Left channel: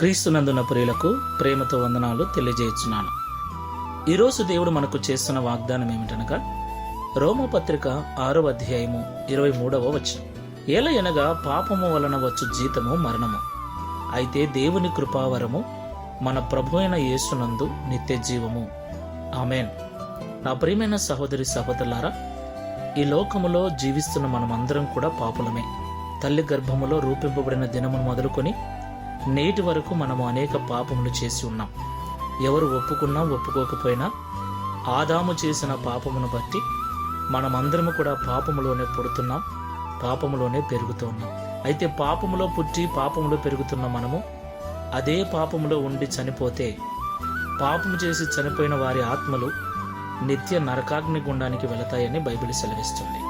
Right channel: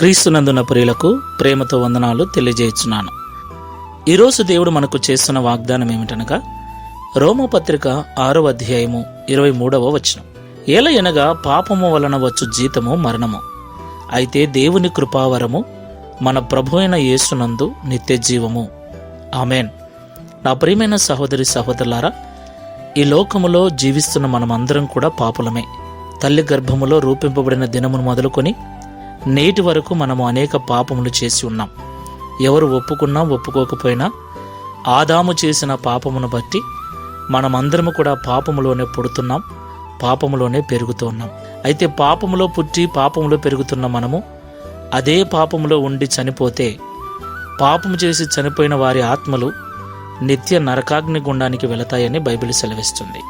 క్రీస్తునందున ప్రియులకు ప్రేమతో వందనాలు తెలియజేస్తున్నాను. ఈరోజు దేవుడు మనకు చేస్తున్న వాగ్దానం ఏమిటనగా రోమపత్రిక 6వ అధ్యాయము 23వ వచనం. ఏలయనగా పాపము వలన వచ్చు జీతము మరణము, అయితే దేవుని కృపావరము మన ప్రభు అయిన యేసునందు నిత్య జీవము. ఆమెన్. నా ప్రియమైన సహోదరి సహోదరులారా, ఈ లోకములో జీవిస్తున్న మనమందరం కూడా పాపులమే. తల్లి గర్భములో రూపింపబడిన దినమును మొదలుకొని నేటి వరకు మనము అనేక పాపములు చేసి ఉన్నాం. ఎవరు ఒప్పుకున్నా ఒప్పుకోకపోయినా ఆదాము చేసిన పాపమును బట్టి మనమందరము కూడా పాపములోనే పుడుతున్నాం, పాపములోనే పెరుగుతున్నాం. అయితే పాపములో పుట్టి పాపములో పెరుగుతున్న మనము అదే పాపములో ఉండి చనిపోతే పాపము చేసి చనిపోయిన వారి ఆత్మలు నిత్య నరకాగ్ని గుండానికి వెళతాయని బైబిల్ సెలవిస్తుంది.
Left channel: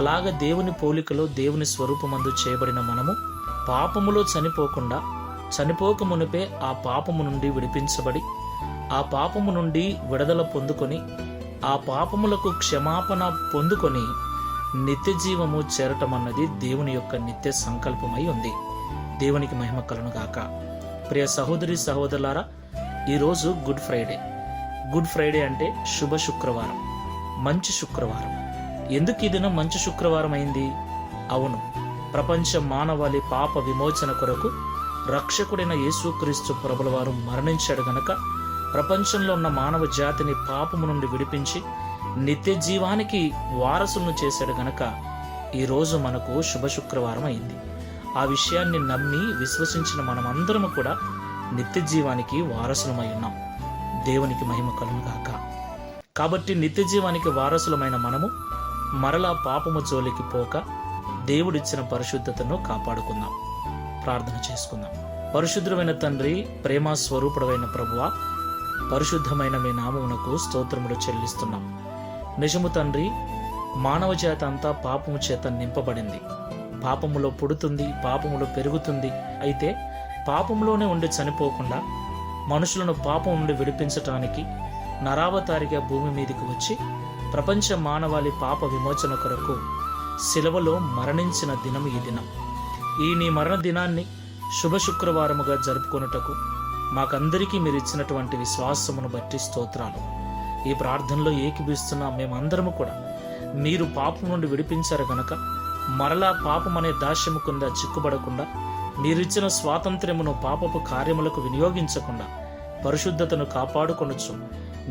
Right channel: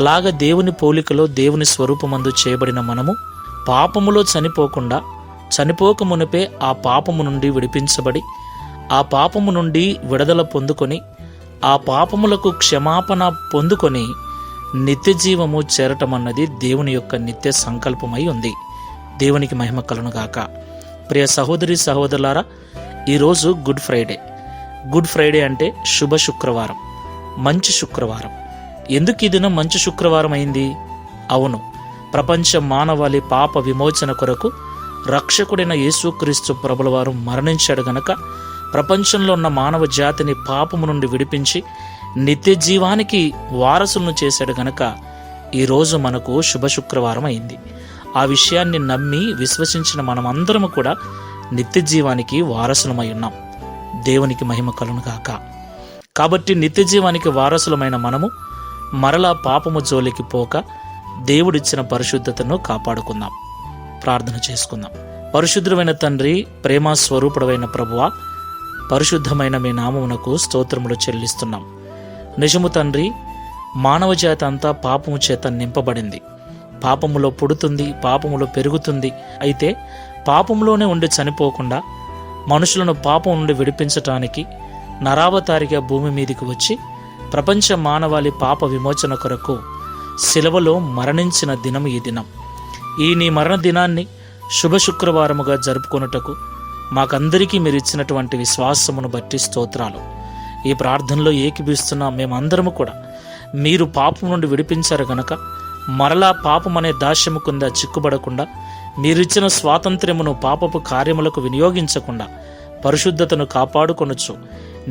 అలాగ దేవుని పోలికలో దేవుని స్వరూపమందు చేయబడిన మనము పాపములో చనిపోక మునిపే ఆ పాపము నుండి విడిపించబడి ఆ పాపము నుండి విడుదల పొందుకొని ఆ పాపములకు క్షమాపణ పొందుకొని నిత్య జీవము చేరటం అన్నది దేవుని యొక్క నిత్య సంకల్పమై ఉంది. దేవునికి మహిమ కలుగును గాక. ప్రియ సహోదరి సహోదరులారా, ఈరోజు గుడ్ ఫ్రైడే. గుడ్ ఫ్రైడే అంటే శుభ శుక్రవారం, మంచి శుక్రవారం. ఎందుకు ఈ దినం మంచి శుక్రవారం అయింది? అవును, ప్రపంచ మానవాళి పాప విమోచన కొరకు రక్షకుడైన యేసుక్రీస్తు ప్రభుల వారు మరణించాడు గనక, ప్రపంచంలో ఉన్న మానవ జాతిని పాపము నుండి విడిపించి నిత్య జీవానికి వారసులను చేశాడు గనక ఈరోజు మనకు శుభ శుక్రవారం అయింది. ఆ విషయాన్ని నమ్మి విశ్వసించిన మనమందరము కూడా నిత్య జీవానికి వారసులమై ఉన్నాం. దేవునికి మహిమ కలుగును గాక. కాబట్టి నిత్య జీవానికి వారసులమైన మనము మరలా పాపము జోలికి పోక దేవుడిచ్చిన పరిశుద్ధతను కాపాడుకుందాం. ప్రార్థన చేసుకుందాం. పరిశుద్ధమైన తండ్రి, ప్రేమ స్వరూపుడమైన ప్రభువా, పరిశుద్ధమైన మీ నామమునకు స్తోత్రములు చెల్లిస్తున్నాం. నిజము తండ్రి, మానవ జాతి అంతా పాపము చేత నింపబడింది. పాపములో పుడుతుంది, పాపములో పెరుగుతుంది. అయితే పాపంలోనే ఉండి చనిపోకుండా మనుషులను పాపం నుండి విడిపించటానికి నరావతారిగా భూమి మీదికి వచ్చి ప్రపంచ మానవాళి పాప విమోచన కొరకు శిలువలో మరణించిన దినం ఈ దినం. ఈ నీ మరణ దినాన్ని శుభ శుక్రవారముగా జరుపుకొనుటకు మాకందరికీ మీరు ఇచ్చినటువంటి విశ్వాసమును బట్టి స్తోత్రాలు. ఈ ప్రార్థనలో ఏకీభవిస్తున్న మేమందరము కూడా మీరు పాపం నుండి విడిపించారు గనక మరలా పాపం అనే దాస్యము కింద చిక్కుబడకుండా, మీరిచ్చిన స్వాతంత్ర్యమును పాపపు కార్యములకు వినియోగించకుండా పరిశుద్ధతను కాపాడుకొనొచ్చు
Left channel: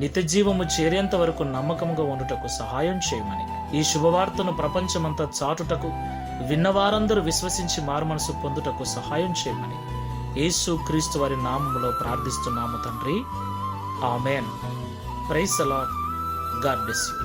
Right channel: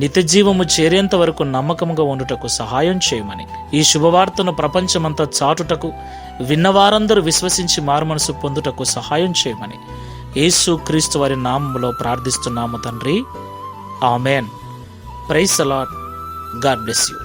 నిత్య జీవము చేరేంత వరకు నమ్మకముగా ఉండుటకు సహాయం చేయమని, ఈ శుభవార్తను ప్రపంచమంతా చాటుటకు విన్నవారందరూ విశ్వసించి మారుమనసు పొందుటకు సహాయం చేయమని యేసు క్రీస్తు వారి నామములో ప్రార్థిస్తున్నాము తండ్రి. Amen. Praise the Lord. God bless you.